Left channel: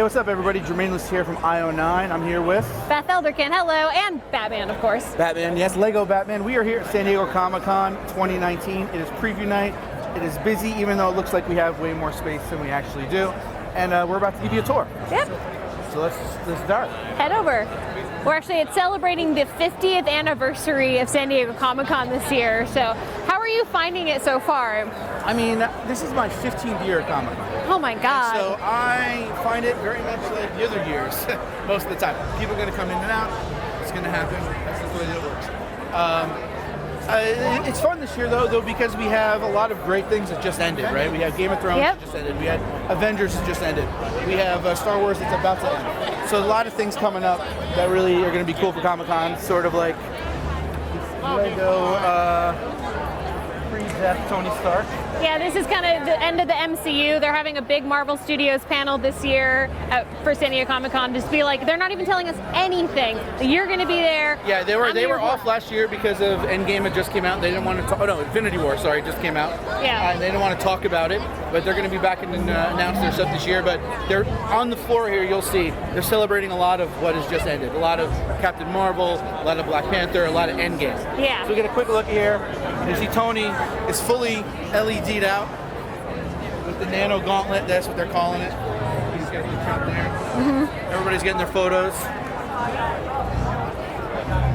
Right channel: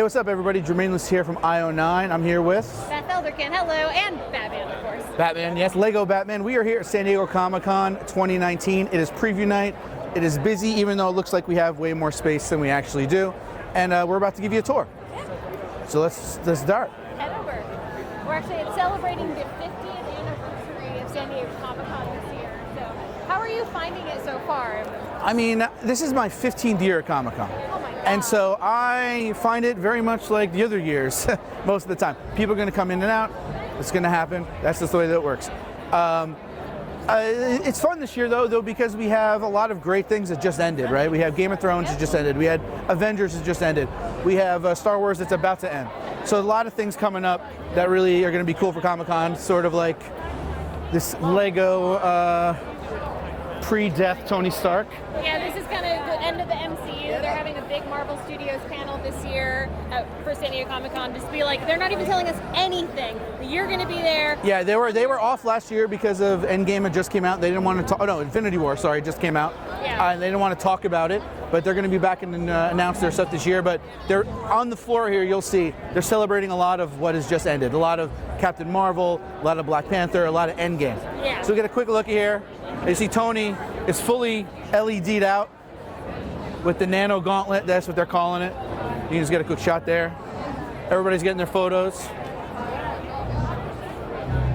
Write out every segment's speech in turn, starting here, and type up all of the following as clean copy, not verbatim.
Hey, what's up, everybody? Germain here from io9. I'm here with Beth Elderkin, hello, and Batman, of course. Batman, yes, Lego Batman. We are here at San Diego Comic-Con 2019. It is preview night. It is busy, even though it looks like we have way more space than we actually do. And we're about to give you a tour. Yep. So let's start. Head over. We're actually celebrating the 50th anniversary of San Diego Comic-Con this year. So how are you finding it so far? I mean, this is my 15th year at Comic-Con. Oh my God. And so I find it very much like the other years, most of the time. People are going to come in and out. It's going to happen. That's just the way that it works. It's fun this year, though, because we have a lot of great things that just ended, right? We have Game of Thrones that just ended. We had Avengers that just ended. We have Star Wars that's about to end. So a lot of things coming up that really are going to be cool for Comic-Con, sort of like this Lego pre-death Tony Stark. Yeah, this is kind of the end of the MCU. They're having a big Marvel Studios panel this year for San Diego Comic-Con. Just be like, they're not even telling us anything. You're going to be there. Yeah, they were off last year because of Endgame had just came out. They didn't want to talk. Oh no, Infinity War, sorry, just came out. Yeah. They didn't want to talk about it, but they're going to be back and announce their stuff this year. But they're on the floor here. You'll see they're celebrating a lot of what has just ended. A lot of Captain Marvel, a lot of Black Panther, a lot of Endgame. Yeah. So we get a quick look here. You see Tony is fully LED'd out with the nano gauntlet. That's what they're calling it. You just get a good shot there. Everybody's getting their photos.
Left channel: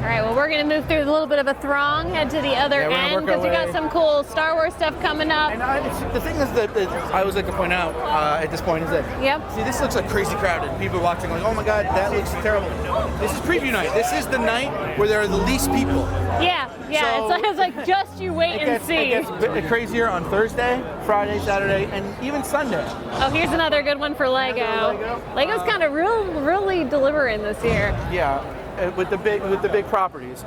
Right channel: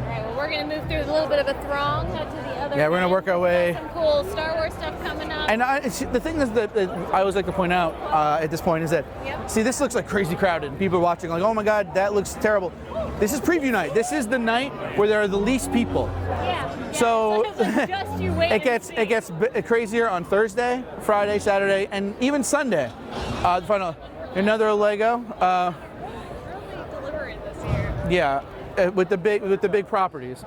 All right, well, we're going to move through a little bit of a throng, head to the other end, because we got some cool Star Wars stuff coming up. And the thing is that I always like to point out at this point is that, see, this looks like crazy crowded. People watching like, oh my God, that looks terrible. This is preview night. This is the night where there are the least people. Yeah, so it's like just you wait and see. It gets crazier on Thursday, Friday, Saturday, and even Sunday. Oh, here's another good one for Lego. Another Lego. Lego's kind of really delivering this year. Yeah. With the big properties.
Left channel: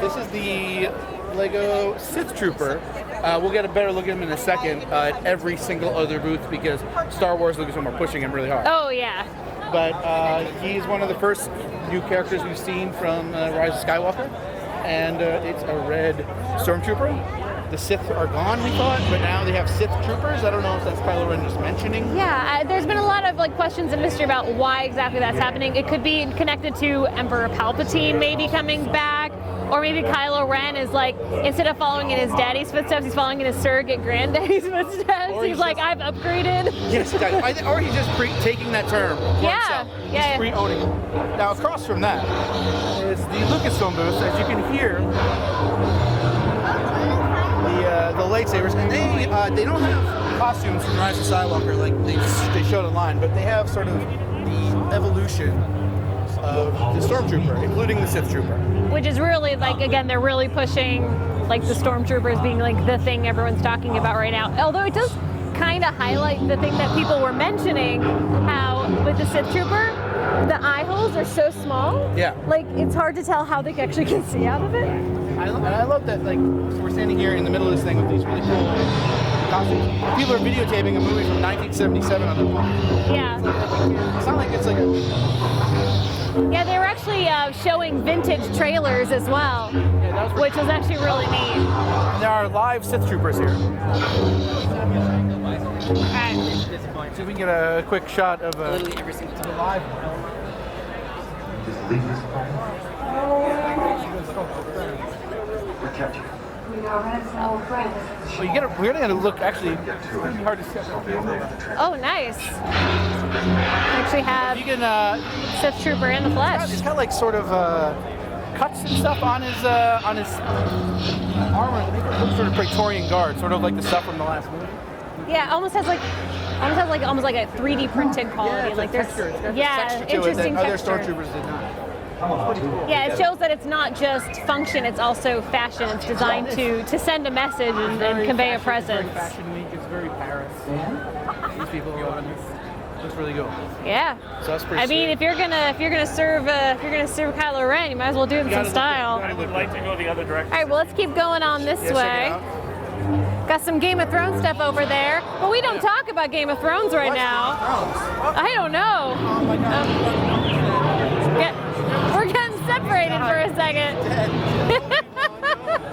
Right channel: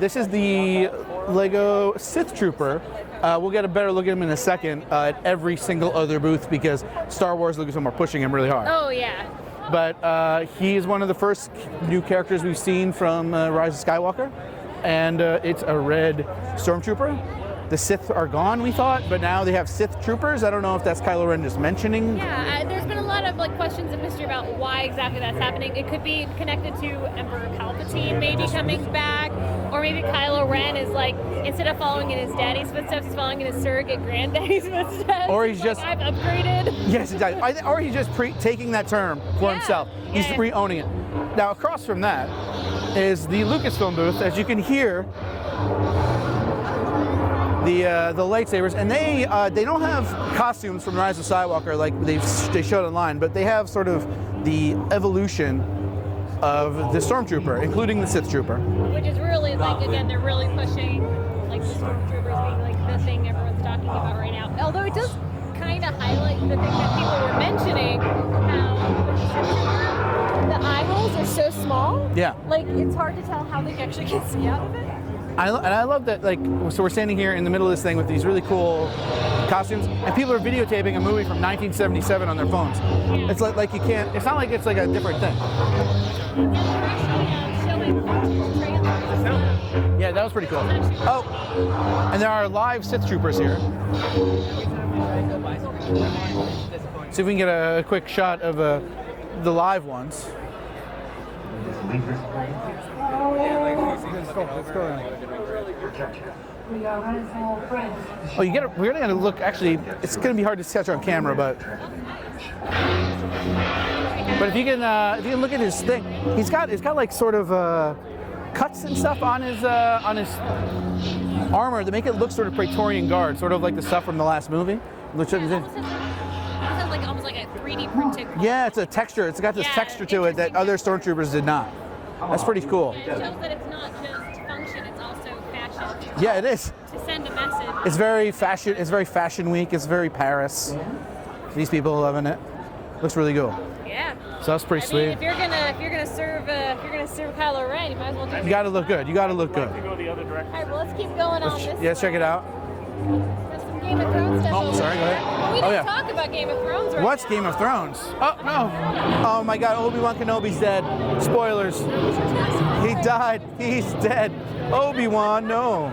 This is the Lego Sith Trooper. We'll get a better look at him in a second at every single other booth because Star Wars Lucasfilm are pushing him really hard. Oh yeah. But he's one of the first new characters we've seen from Rise of Skywalker, and it's a red Stormtrooper. The Sith are gone, we thought, but now they have Sith Troopers. I don't know if that's Kylo Ren just mentioning. Yeah, there's been a lot of questions and mystery about why exactly that's happening. It could be connected to Emperor Palpatine maybe coming back, or maybe Kylo Ren is like, instead of following in his daddy's footsteps, he's following in his surrogate granddaddy's footsteps. Or he's like, I've upgraded. Yes, he does. Or he's just taking that term for himself. He's re-owning it. Now, across from that is the Lucasfilm booth. As you can hear, the lightsabers, and they don't have costumes from Rise of Skywalker like they showed online, but they have sort of the evolution of the Stormtrooper, including the Sith Trooper. Which is really like, again, they're really pushing like the Stormtroopers being like the thing everyone's talking about right now. Although it does kind of highlight the thing that people were mentioning, how with the Sith Trooper, the eye holes are so small. Yeah. Like it's hard to tell how they actually can see out of it. And I love that, like, so we're standing here in the middle of this thing with these really cool costumes, and people are videotaping a movie from 1977 on their phones. Yeah. It's like you can't, it's not like it's like a different thing. Yeah, they were actually showing vintage trailers as well. Yeah, that was pretty cool. Which was actually really neat. And there are live Sith Troopers here. Okay. See if we can get a quick shot of the live ones. We are retinal friends. Oh, we're gonna look. Actually, it's gonna be hard to catch on camera, but. Oh, nice. Actually have. But if you can look at his Trooper in the flesh. He's got like sort of cuts and stuff on his armor to make it look sort of Praetorian Guard, sort of like the stuff from the last movie. Yeah, almost has like a 3D printed quality. Yeah, it's like texture. It's got this texture to it that other Stormtroopers did not. That's pretty cool. Yeah, it shows that it's not just function; it's also fashion. It's designed to send a message and convey a presence. It's very Fashion Week. It's very Paris. These people are loving it. Looks really cool. Yeah. So that's pretty sweet. I mean, if you're gonna serve Kylo Ren, you might as well do it in some style. You gotta look good. I'd like to go the other direction. All right, well, let's keep going on this way. Check it out. Got some Game of Thrones stuff over there. But we don't talk about Game of Thrones right What's now. Game of Thrones? Oh, I don't know. Oh my God, Obi-Wan Kenobi's dead. Spoilers. We're getting separated for a second. He's dead. Obi-Wan, no.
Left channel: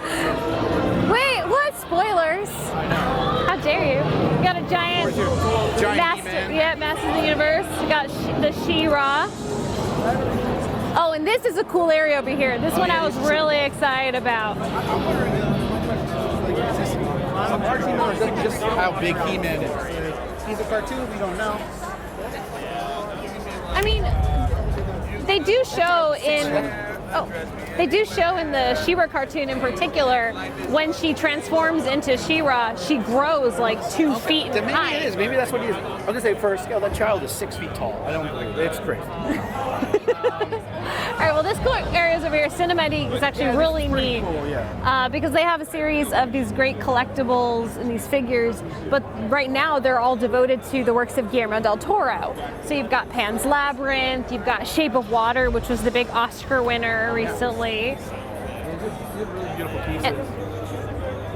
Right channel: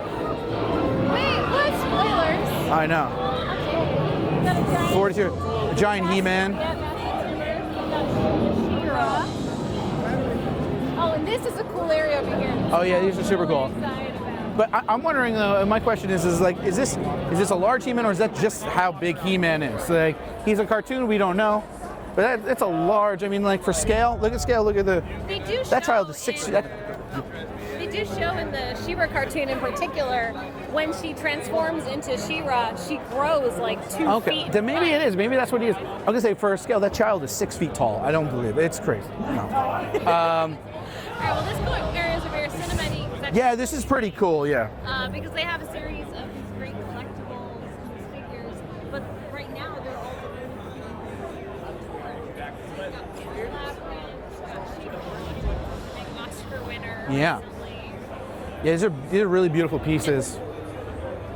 Wait, what? Spoilers? I know. How dare you? got a giant, giant He-Man. Yeah, Masters of the Universe. We got the She-Ra. Oh, and this is a cool area over here. This one I was really excited about. But I'm wondering, my question is like, is this a large He-Man, or is that just how big He-Man is? Like, he's a cartoon, we don't know. But it's a large, I mean, like for scale, look at scale, look at the... They do show they do show in the She-Ra cartoon in particular, when she transforms into She-Ra, she grows like 2 feet Then maybe high. it is, maybe that's what he is. I was gonna say, for a scale, that child is 6 feet tall. I don't believe it, it's crazy. All right, well, this cool area is over here. Cinematic is actually really neat. Yeah, this is pretty cool, because they have a series of these great collectibles and these figures, but right now they're all devoted to the works of Guillermo del Toro. So you've got Pan's Labyrinth, you've got Shape of Water, which was the big Oscar winner recently. Yeah, these are really beautiful pieces.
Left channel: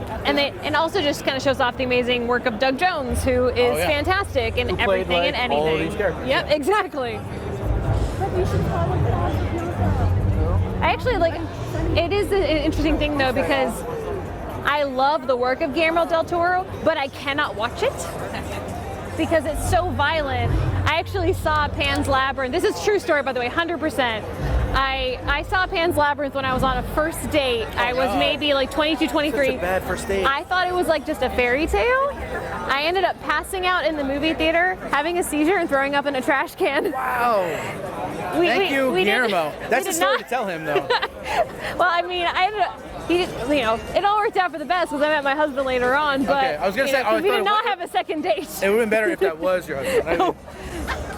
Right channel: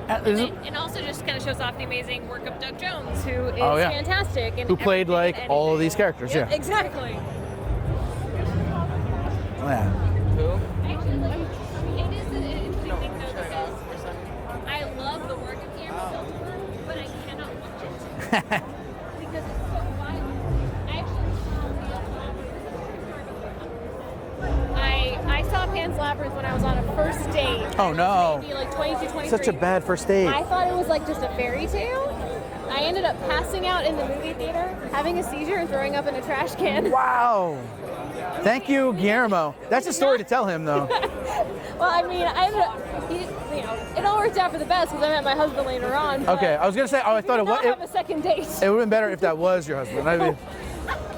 And also just kind of shows off the amazing work of Doug Jones, who is fantastic in everything and anything. All of these characters. Yep, exactly. I actually like. It is an interesting thing though, because I love the work of Guillermo del Toro, but I cannot watch it because it's so violent. I actually saw Pan's Labyrinth. This is a true story, by the way, 100%. I saw Pan's Labyrinth when I was on a first date. I was maybe like 22, 23. Such a bad first date. I thought it was like just a fairy tale. I ended up passing out in the movie theater, having a seizure, and throwing up in a trash can. Wow. Thank you, Guillermo. That's a story to tell him, though. Well, I mean, it all worked out for the best because I met my husband later on. But, okay, I was gonna say, we did not have a second date. It would have been better if that was your husband. I mean,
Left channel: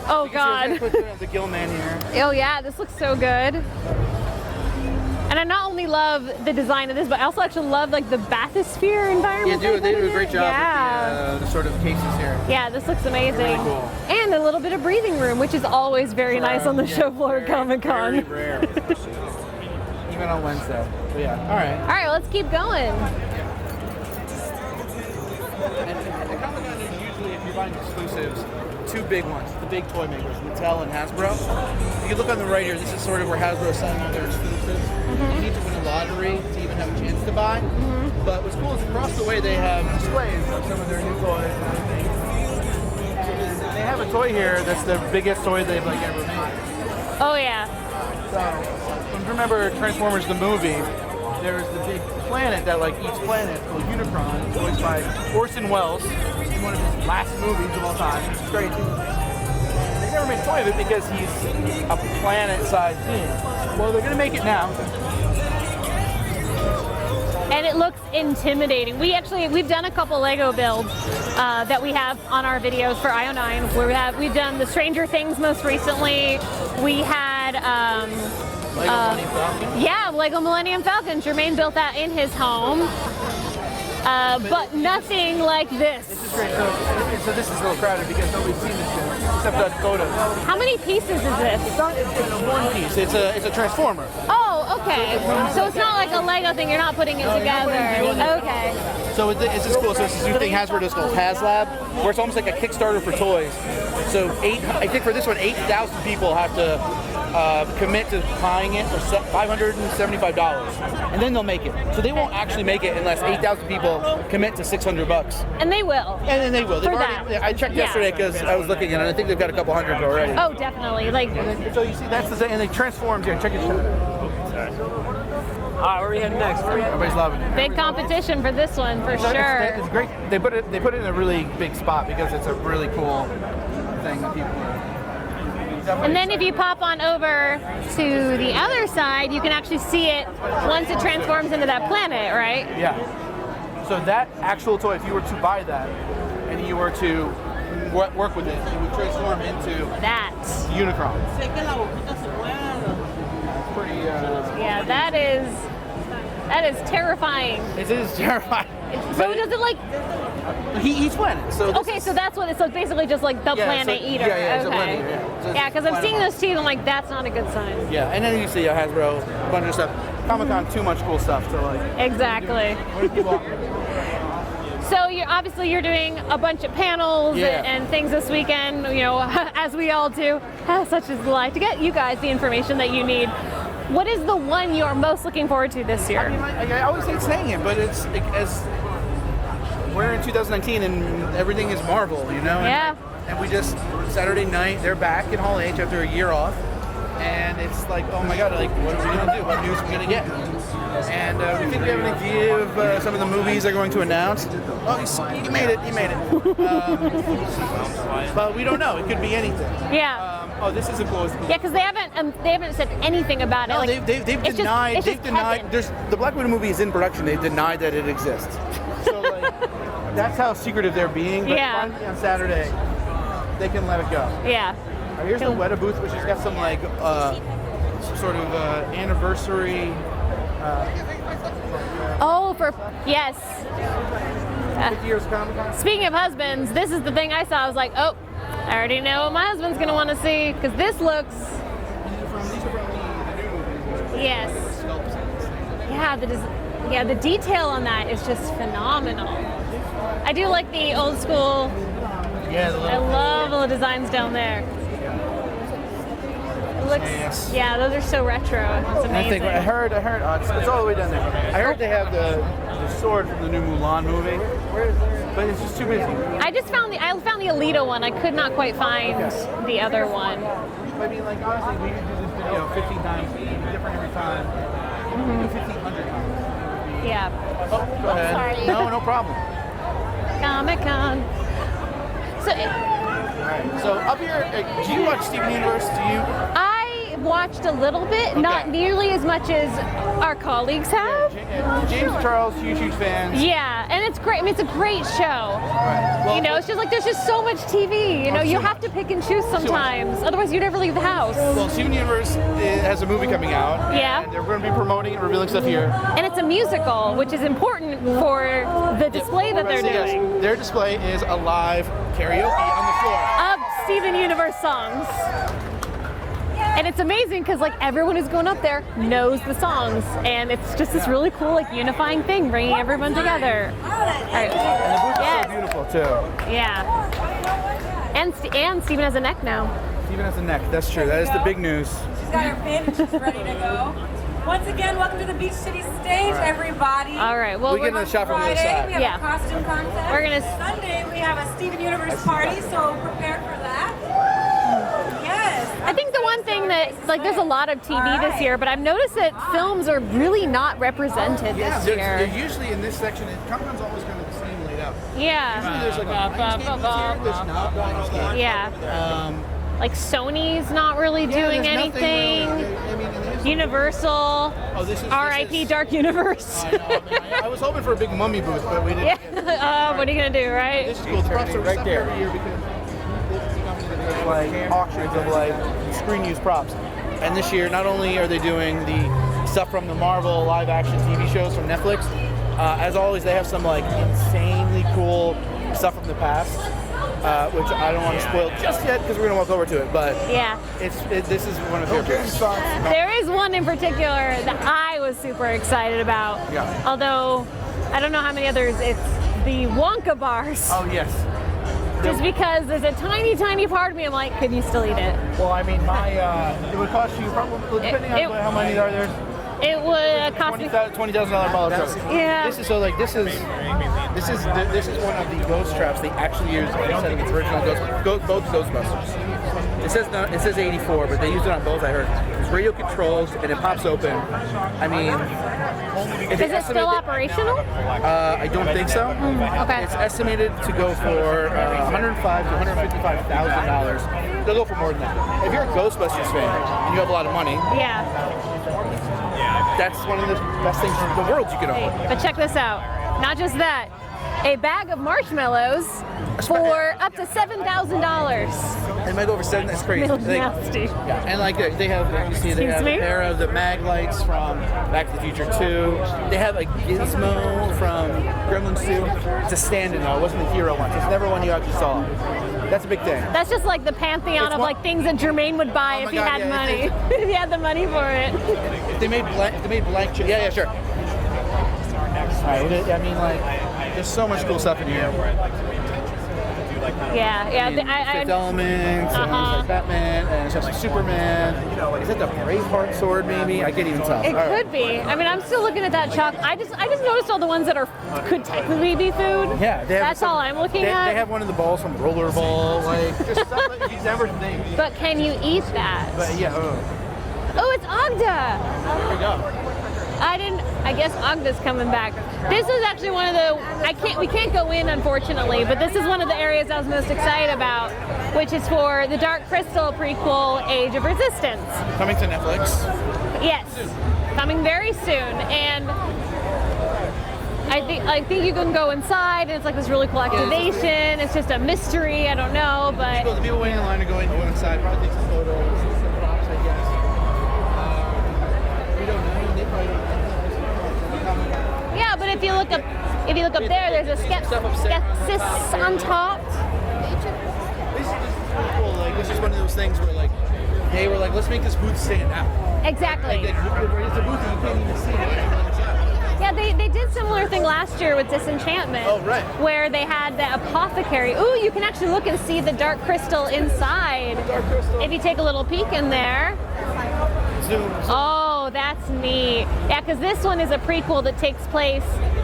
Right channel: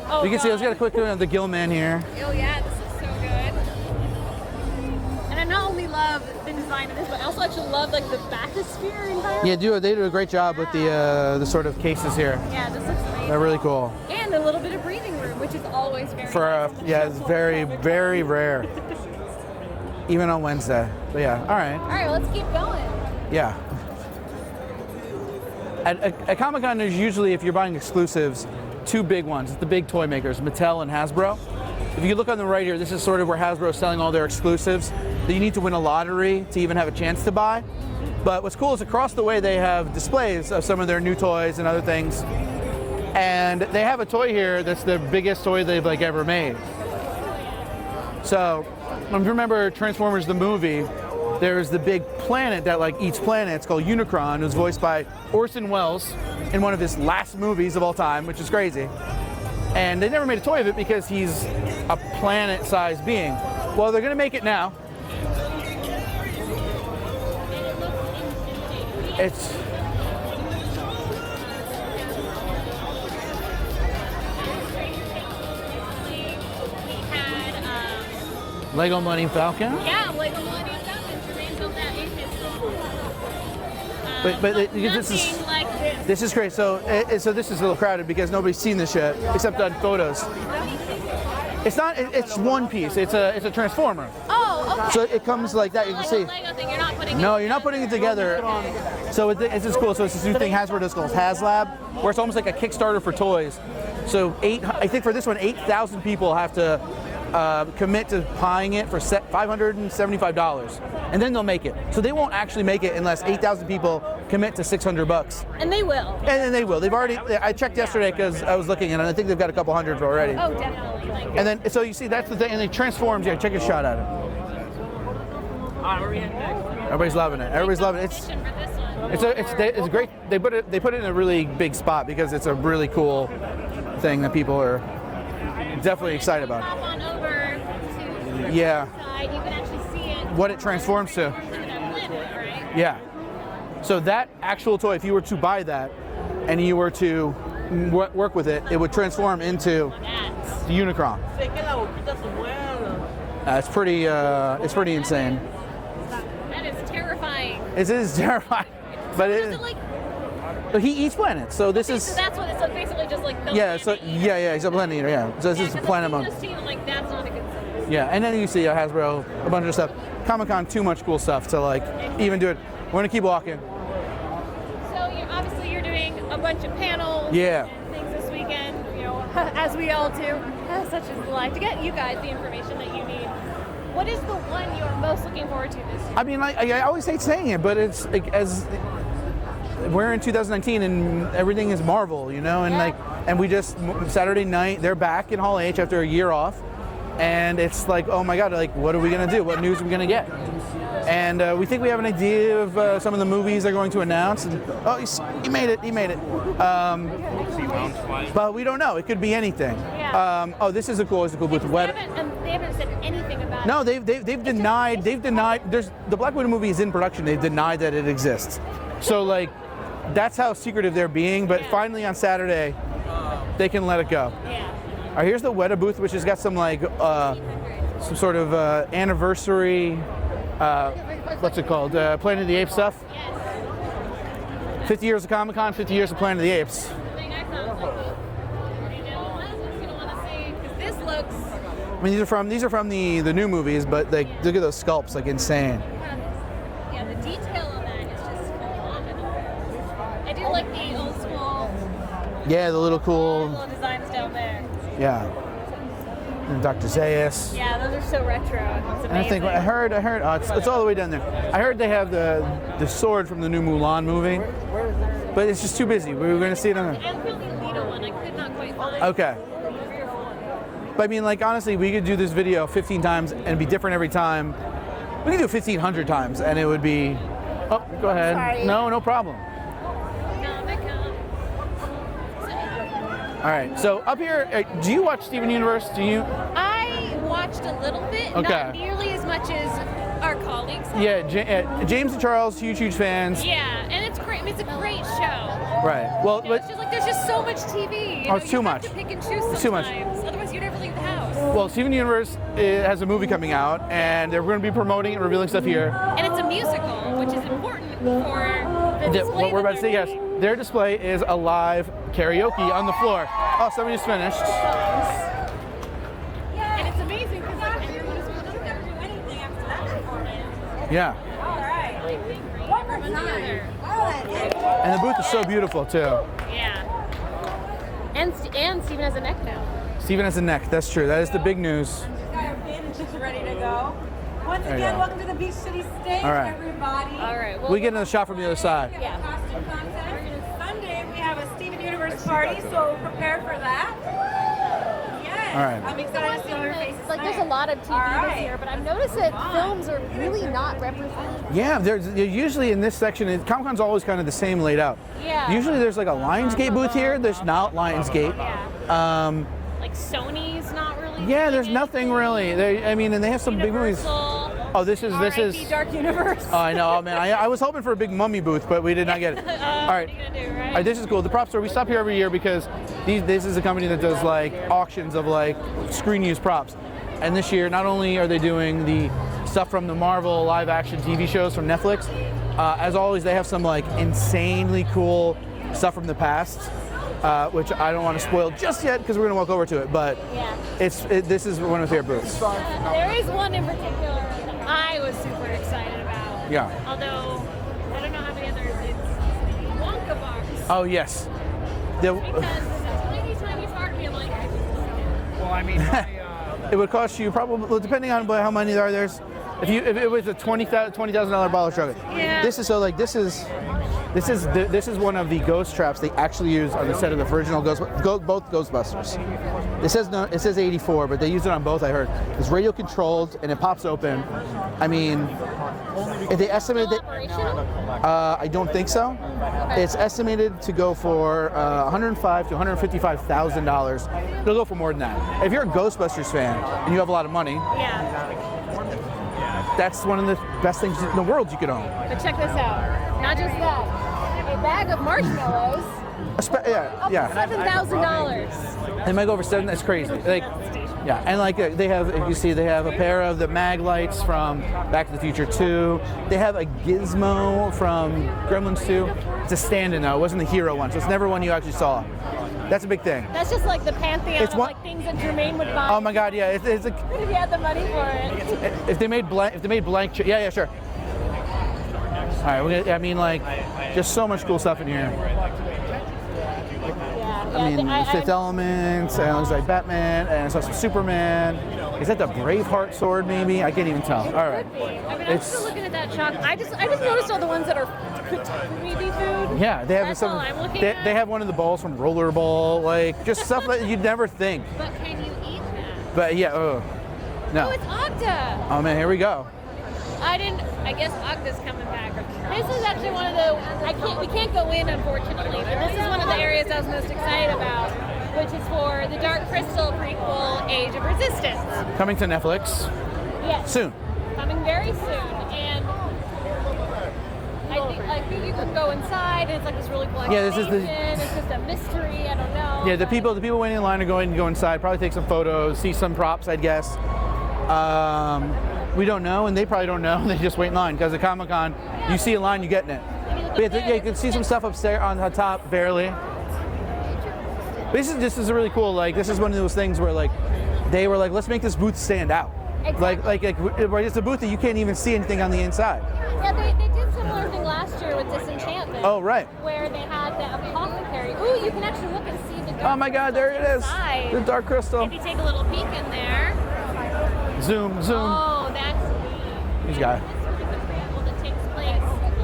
oh, you can see I was gonna put the Gilman here. Oh yeah, this looks so good. And I not only love the design of this, but I also actually love like the bathysphere environment. Yeah, they do a great job with the sort of cases here. Yeah, this looks amazing. They're really cool. And a little bit of breathing room, which is always very nice on the show floor at Comic-Con. Very rare. Even on Wednesday. Yeah. All right. All right, well, let's keep going. Yeah. At Comic-Con, there's usually, if you're buying exclusives, 2 big ones, the big toy makers, Mattel and Hasbro. If you look on the right here, this is sort of where Hasbro is selling all their exclusives that you need to win a lottery to even have a chance to buy. But what's cool is across the way they have displays of some of their new toys and other things. And they have a toy here that's the biggest toy they've like ever made. Oh yeah. So, if you remember Transformers the movie, there's the big planet that like eats planets called Unicron. It was voiced by Orson Welles in one of his last movies of all time, which is crazy. And they never made a toy of it because he's a planet-sized being. Well, they're gonna make it now. And it looks intimidating. We've done a couple Lego builds that we have on our videos for io9. Where we've done the Stranger Things most recently. We had Lego Millennium Falcon? Yeah, Lego Millennium Falcon. Germain built that in his home. But nothing like this. This is great. So this is a little crowded because nobody's seen this yet, except on photos. How many pieces is this? It's not. It's one piece. It's a transformer. Oh, okay. So it comes so like it's that, not like you a see. Lego thing. You're not putting it No, together. you're not putting it together. Okay. So this is cool. So it's this new thing Hasbro does called HasLab, where it's almost like a Kickstarter for toys. So I think for this one, 8,000 people have to commit to buying it for $575, and then they'll make it. So they won't actually make it unless 8,000 people commit to $600. And they will. And then they will. They've For already. that. I checked yesterday because I was looking at it. I think they've got a couple hundred already. Oh, definitely. Like. And then, so you see, that's the thing, and it transforms here. Check a shot at it. All right, where are we heading next? Everybody's loving it. Big Everybody's loving it. competition for this one, for sure. It's great. They put it in a really big spot because it's a really cool thing that people are definitely And then excited if you about. pop on over to the other side, you can actually see it What it once it transforms to. transforms into that planet, right? Yeah. So that actual toy, if you were to buy that and you were to work with it, it would transform into That. the Unicron. It's pretty. It's pretty that insane. That is terrifying. It is terrifying. So does it like? But he eats planets, so this Okay, is. so that's what it's like. Basically, just like the planet eater. Yeah, it's a Okay. planet eater. Yeah. So it's Yeah, just because I've planet seen mode. those too. I'm like, that's not a good sign. Yeah, and then you see Hasbro, a bunch of stuff. Comic-Con, too much cool stuff to like. even do it. Exactly. We're gonna keep walking. So you're doing a bunch of panels Yeah. and things this weekend. You know, as we all do. Such is life. To get you guys the information that you need. What is the one you're most looking forward to this year? I mean, I always hate saying it, but it's like, as we're in 2019 and everything is Marvel, you know, and Yeah. and we just Saturday night they're back in Hall H after a year off, and it's like, oh my God, like what are we gonna do? What news are we gonna get? And we think we have an idea of some of the movies they're going to announce. Oh, he made it. He made it. But we don't know. It could be anything. Yeah. Oh, this is a cool. Yeah, because they haven't said anything about No, it. Like, they've it's denied. just They've denied. heaven. There's the Black Widow movie is in production. They've denied that it exists. So like, that's how secretive they're being. But Yeah. finally on Saturday, they can let it go. Yeah. All right, here's the Weta booth, which has got some like some sort of anniversary. What's it called? Planet of the Apes stuff. Yes. 50 years of Comic Con, 50 Speaking years of of Planet of the husbands, Apes. this is the thing I saw. I was like, oh, I already know what my husband's gonna want to see because this looks. I mean, these are from the new movies, but they, Yes. look at those sculpts, like insane. Yeah, the detail on that is just phenomenal. I do like the old school. Yeah, the I little cool. love all the designs down there. Yeah. And Dr. Zaius. Yeah, those are so retro. It's And I amazing. think I heard. It's all the way down there. I heard they have the sword from the new Mulan movie, but it's just too busy. We were I gonna just see it found on- I found the Alita one. I could not quite find Okay. the other one. But I mean, like honestly, we could do this video 15 times and be different every time. We could do it 1,500 times, and it would be. Yeah. Oh, go ahead. Sorry. No problem. Comic-Con. So All right. So up here, do you watch Steven Universe? Do you? I watched a little bit, not Okay. nearly as much as our colleagues have. Yeah, James and Charles, huge fans. Yeah, and it's great. I mean, it's a great show. Right. Well, You know, it's just like there's just so much TV. You Oh, know, it's you too have much. to pick and choose much. sometimes. Otherwise, you never leave the house. Well, Steven Universe has a movie coming out, Yeah. and they're going to be promoting and revealing stuff here. And it's a musical, which is important for the display What that we're they're about to see, doing. yes, their display is a live karaoke on the floor. Of somebody's Steven finished. Universe songs. And it's amazing because like everyone who's going up there knows the songs, and it's just this Yeah. really cool like unifying thing, bringing everyone together. And the booth is so Yes. beautiful too. Yeah. And Steven has a neck now. Steven has a neck. That's true. That is the big news. She's got her pin, she's ready to go. Once again, welcome to the Beach City stage, All right. everybody. All right. Well, We get we're, a shot from the other Friday, side. we have Yeah. a costume contest. We're gonna- Sunday, we have a Steven Universe party, so prepare for that. Yes. I think the one thing that like there's a lot of TV this year, but I've noticed that films are really not represented Yeah, this they're year. usually in this section. Comic-Con's always kind of the same laid out. Yeah. Usually there's like a Lionsgate booth here. There's not Lionsgate. Yeah. Like Sony's not really Yeah, doing there's anything. nothing really. And they have some big Universal. movies. Oh, this R.I.P. is. Dark Universe. Oh, I know, man. I was hoping for a big mummy booth, but we did not get it. All right. What are you gonna do, right? All right, this is cool. The prop store, we stop here every year because this is a company that does like auctions of like screen use props. And this year, not only are they doing the stuff from the Marvel live action TV shows from Netflix, as always, they have some like insanely cool stuff from the past, which I don't want to spoil just yet because we're gonna walk over to it. But Yeah. this is one of their favorites. There is one in particular that I was super excited about. Yeah. Although I don't know how many others. It's the Wonka bars. Oh yes. Just because there's a tiny part of me, I'm like, could you still eat it? Well, I mean, it would cost you probably, depending on how many there are, there's. If It it was a would $20,000 bottle of soda. Yeah. This is one of the ghost traps they actually used on the set of the original both Ghostbusters. It says 84, but they used it on both. I heard it's radio controlled and it pops open. I mean, if Is they it still estimate that, operational? I don't think so. Okay. It's estimated to go for $105,000 to $155,000. They'll go for more than that. If you're a Ghostbusters fan and you have a lot of money, Yeah. that's one of the best things in the world you can own. But check this out. Not just that. A bag of marshmallows for up yeah. to $7,000. They might go over 7. That's crazy. That's nasty. Yeah, and like they have, like you see, they have Excuse a me? pair of the mag lights from Back to the Future 2. They have a gizmo from Gremlins 2. It's a stand-in though. It wasn't the hero one. So it's never one you actually saw. That's a big thing. That's just like the pantheon It's of one- like things that Germain would buy Oh my if he God, had yeah, money. it's If he had the money for it. If they made blank, yeah, sure. All right, I mean, like, there's so much cool stuff in here. Yeah, yeah. I mean, Fifth Element, sounds like Batman, and it's also Superman. You know, like, is that the Braveheart sword, maybe? I can't even tell. It could be. I mean, I'm still looking at that chalk. I just noticed all the ones that could technically be food. Yeah, they have That's all I'm looking at. They have one of the balls from Rollerball, like, just stuff that you'd never think. But can you eat that? But yeah, no. Oh, it's Ogda. Oh man, here we go. I guess Ogda's coming back. This is actually one of the, we can't go in unfortunately, but this is one of the areas I was most excited about, which is for the Dark Crystal prequel, Age of Resistance. Coming to Netflix. Yes. Soon. Coming very soon. And I think you can go inside and it's like this really cool activation. It's just a mystery, I don't know. Yeah, the people waiting in line are going to go inside, probably take some photos, see some props, I guess. We don't know, and they probably don't know. They just wait in line because at Comic-Con, yeah, you see a line, you get in. If you look up there, you can see some stuff upstairs on the top, barely. This is really cool. Like, this is one of those things where, like, they were like, let's make this booth stand out. Exactly. Like it's a booth that you can't even see anything on the inside. Yeah, they did similar thing last year with Disenchantment. Oh, right. Where they had the apothecary. Ooh, you can actually look and see the dark crystal inside. The dark crystal. If you take a little peek in there. Zoom. Oh, that's neat. Yeah, because this one is a prequel that takes place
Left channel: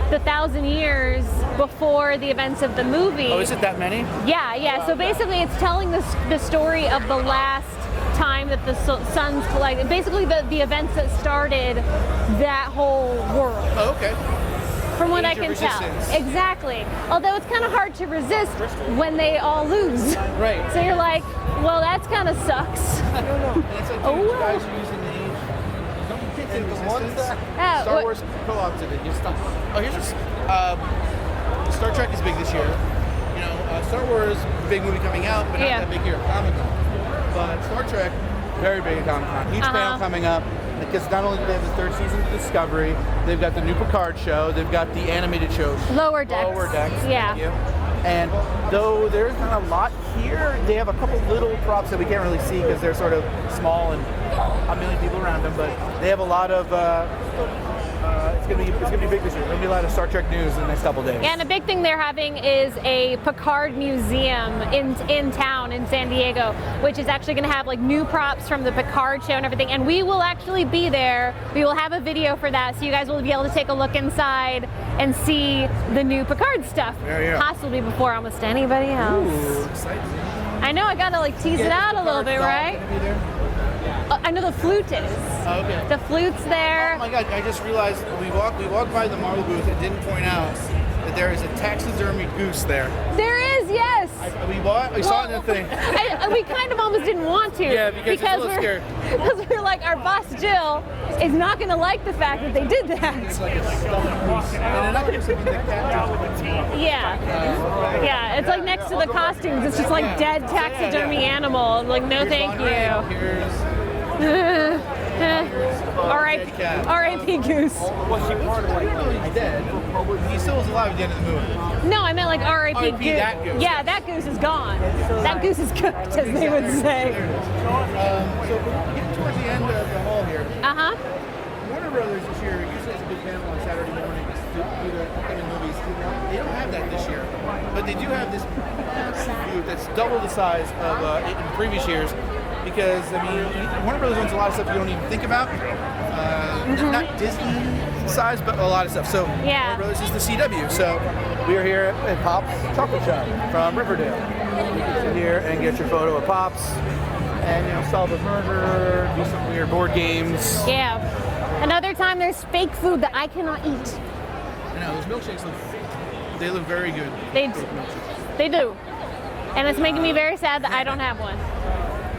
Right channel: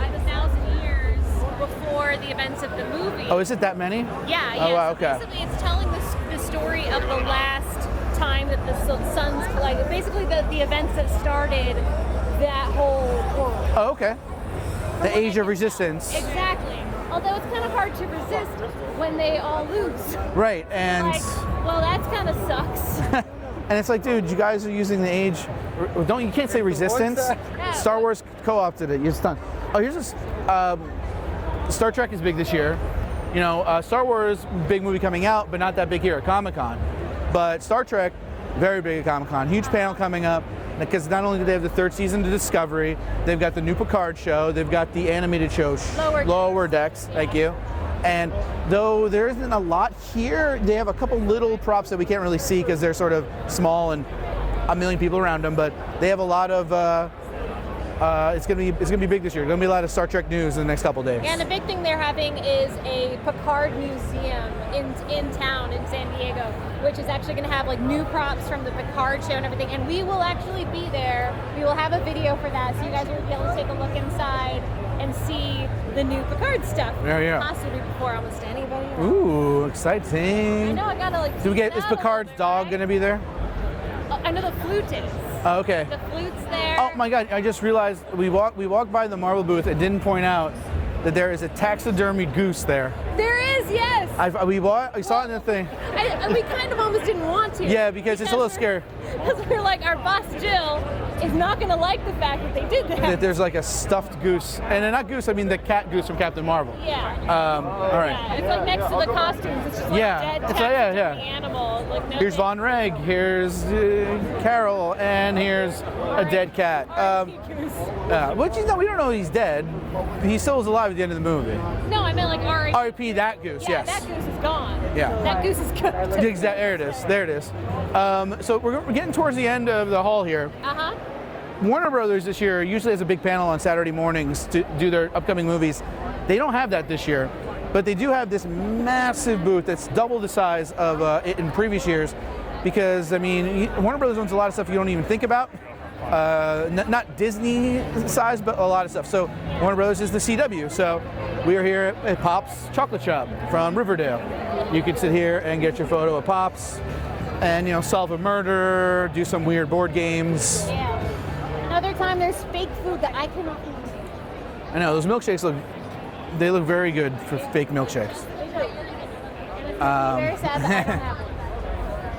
the 1,000 years before the events of the movie. Oh, is it that many? Yeah. Oh, wow, so basically it's telling the story of the last time that the suns collided. Basically the events that started that whole world. Oh, okay. From the what Age I of can Resistance. tell. Exactly. Although it's kind of hard to resist when they all lose. Right. So you're like, well, that's kind of sucks. And it's like, dude, you guys are using the Age. You can't say Resistance. Star Wars co-opted it. You're stuck. Oh, here's just. Star Trek is big this year. You know, Star Wars, big movie coming out, but not that big here at Comic-Con. But Star Trek, very big at Comic-Con. Huge panel coming up. Because not only do they have the third season of Discovery, they've got the new Picard show, they've got the animated show, Lower Decks, thank you. And though there isn't a lot here, they have a couple little props that we can't really see because they're sort of small and a million people around them. But they have a lot of. It's gonna be big this year. There's gonna be a lot of Star Trek news in the next couple of days. Yeah, and a big thing they're having is a Picard Museum in town in San Diego, which is actually gonna have like new props from the Picard show and everything. And we will actually be there. We will have a video for that, so you guys will be able to take a look inside and see the new Picard stuff. Yeah. Possibly before almost anybody else. Ooh, exciting! I know, I gotta like tease it out a little bit, right? Is gonna be there? Oh, I know the flute is. Oh, okay. The flute's there. Oh my God! I just realized we walked by the Marvel booth and didn't point out that there is a taxidermied goose there. There is, yes. We saw it in the thing. We kind of almost didn't want to. Yeah, because it's a little scary. Because we're like, our boss Jill is not going to like the fact that they did that. There's like a stuffed goose, and not goose, I mean the cat goose from Captain Marvel. Yeah. Right. Yeah, it's like next to the costumes. It's just like dead taxidermy animal. Like, no, here's thank Von you. Reg, here's Carol, and here's a dead cat. R.I.P. Goose. We don't know he's dead. He still was alive at the end of the movie. No, I meant like R.I.P. R.I.P. Goose. that goose, Yeah, yes. that goose is gone. Yeah. That goose is gone. There it is. So we're getting towards the end of the hall here. Uh-huh. Warner Brothers this year usually has a big panel on Saturday mornings to do their upcoming movies. They don't have that this year, but they do have this massive booth that's double the size of in previous years. Because, I mean, Warner Brothers owns a lot of stuff you don't even think about. Not Disney size, but a lot of stuff. So Warner Brothers is the CW. So we're here at Pop's Chocolate Shop from Riverdale. You can sit here and get your photo of Pops and, you know, solve a murder, do some weird board games. Yeah. Another time there's fake food that I cannot eat. I know, those milkshakes look very good for fake milkshakes. They do. And it's making me very sad that I don't have one.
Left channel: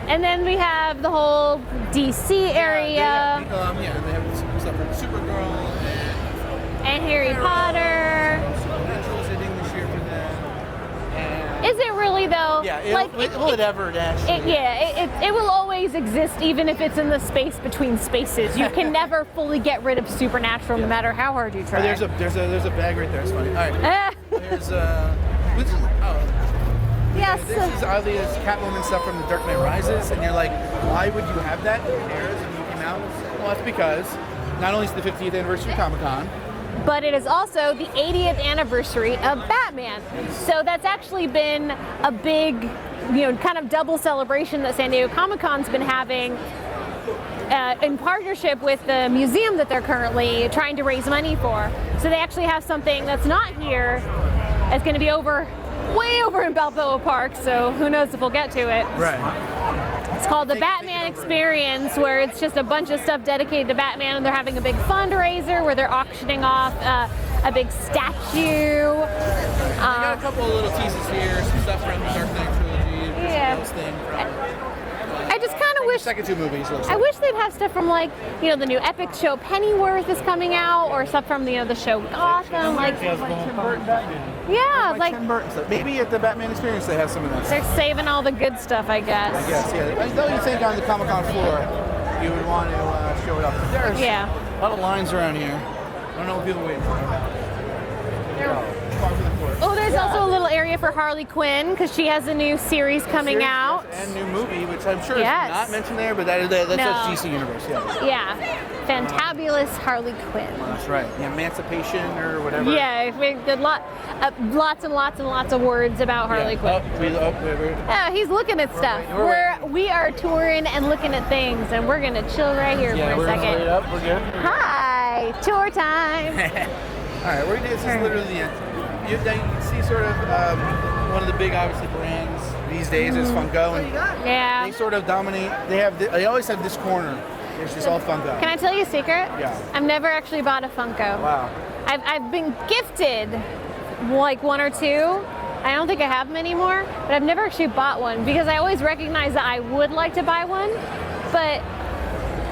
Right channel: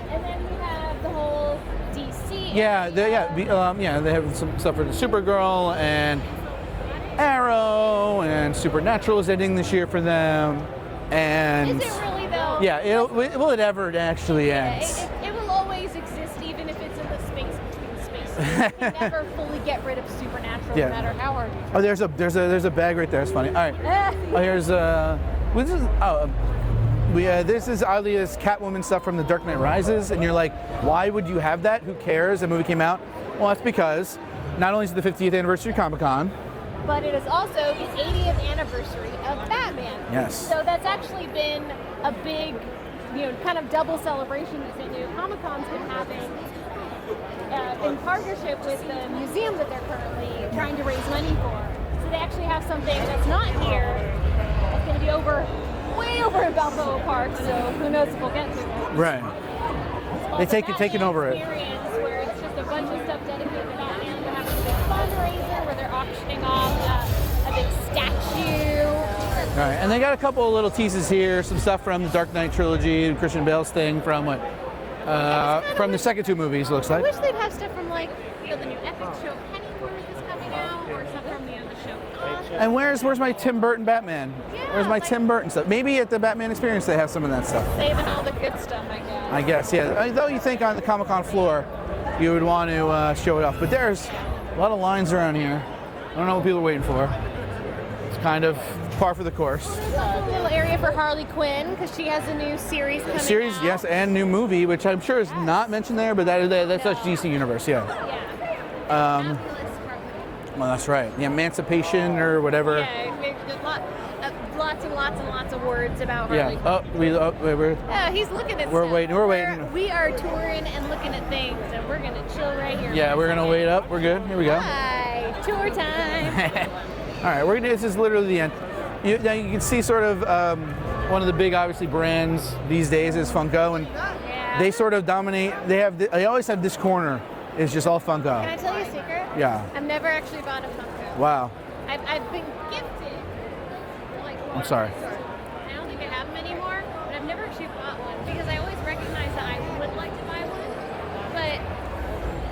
And then we have the whole DC area. They have some stuff for Supergirl and Harry Arrow, Potter. and Supernatural is ending this year for them. And is it really though? Yeah, will it ever actually end? It will always exist even if it's in the space between spaces. You can never fully get rid of Supernatural no matter how hard you try. Oh, there's a bag right there. It's funny. All right. Here's this is Alia's Catwoman stuff from The Dark Knight Rises, and you're like, why would you have that? Who cares? The movie came out. Well, that's because not only is it the 50th anniversary of Comic-Con, but it is also the 80th anniversary of Batman. Yes. So that's actually been a big, kind of double celebration that San Diego Comic-Con's been having in partnership with the museum that they're currently trying to raise money for. So they actually have something that's not here. It's going to be way over in Balboa Park, so who knows if we'll get to it. Right. It's called the Batman Experience, where it's just a bunch of stuff dedicated to Batman, and they're having a big fundraiser where they're auctioning off a big statue. Right. And they got a couple of little teases here, some stuff from the Dark Knight trilogy, Christian Bale's thing from what? I just kind of from wish the second two movies, looks I like. wish they'd have stuff from the new epic show Pennyworth is coming out, or stuff from the show Gotham. And where's my Tim Burton Batman? Yeah, where's my Tim Burton stuff? Maybe at the Batman Experience they have some of that stuff. They're saving all the good stuff, I guess. I guess, yeah. Though you think on the Comic-Con floor you would want to show it off, but there's a lot of lines around here. I don't know what people are waiting for. It's kind of par for the course. Oh, there's also a little area for Harley Quinn because she has a new series coming out. Yes, and new movie, which I'm sure is not mentioned there, but that's DC Universe, Yeah. Fantabulous Harley Quinn. Well, that's right. The Emancipation or whatever. Yeah, lots and lots and lots of words about Harley Quinn. He's looking at stuff. Waiting. We are touring and looking at things, and we're gonna chill right here for a second. Yeah, we're gonna wait up. We're good. Here we go. Hi, tour time. All right, we're gonna do this. Is literally the end. You can see sort of one of the big, obviously, brands these days is Funko, and they sort of dominate. They always have this corner. It's just all Funko. Can I tell you a secret? Yeah. I've never actually bought a Funko. Wow. I've been gifted like one or two. I don't think I have them anymore, but I've never actually bought one because I always recognize that I would like to buy one, but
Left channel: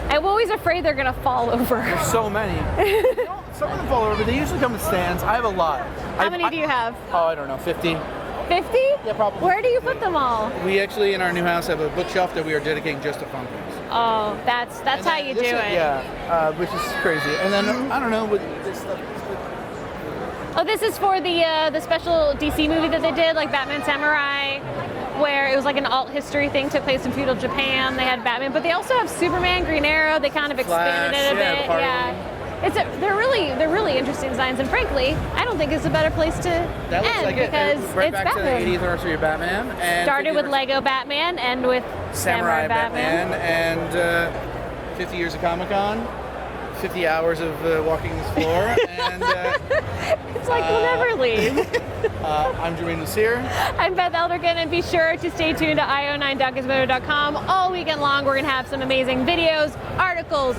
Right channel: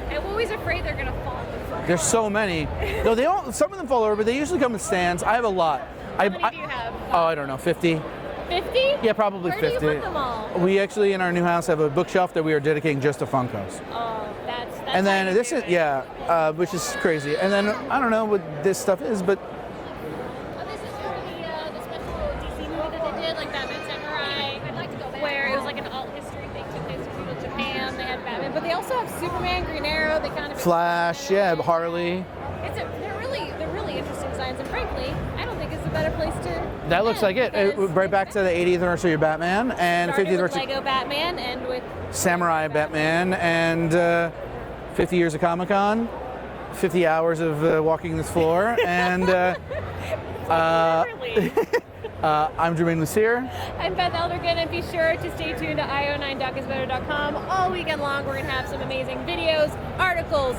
I'm always afraid they're gonna fall over. There's so many. No, they all. Some of them fall over, but they usually come in stands. I have a lot. How many do you have? Oh, I don't know, 50. 50? Yeah, probably. Where 50. do you put them all? We actually in our new house have a bookshelf that we are dedicating just to Funkos. Oh, that's and how you do it. Yeah, which is crazy. And then I don't know what this stuff is, but this is for the special DC movie that they did, like Batman Samurai, where it was like an alt history thing, took place in feudal Japan. They had Batman, but they also have Superman, Green Arrow. They kind of expanded it a bit. Harley. Yeah. They're really interesting designs, and frankly, I don't think it's a better place to. That looks like it. Right back to the 80th anniversary of Batman, and started with Lego Batman, and with Samurai Batman, and 50 years of Comic-Con, 50 hours of walking this floor, and it's like we'll never leave. I'm Germain and Beth. I'm Beth Elderkin, and be sure to stay tuned to io9.gizmodo.com all weekend long. We're gonna have some amazing videos, articles,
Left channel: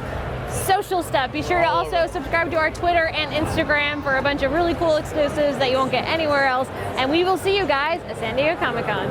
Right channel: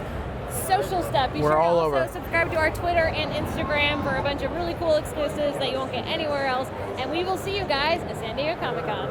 social stuff. Be sure to also subscribe to our Twitter and Instagram for a bunch of really cool exclusives that you won't get anywhere else. And we will see you guys at San Diego Comic-Con.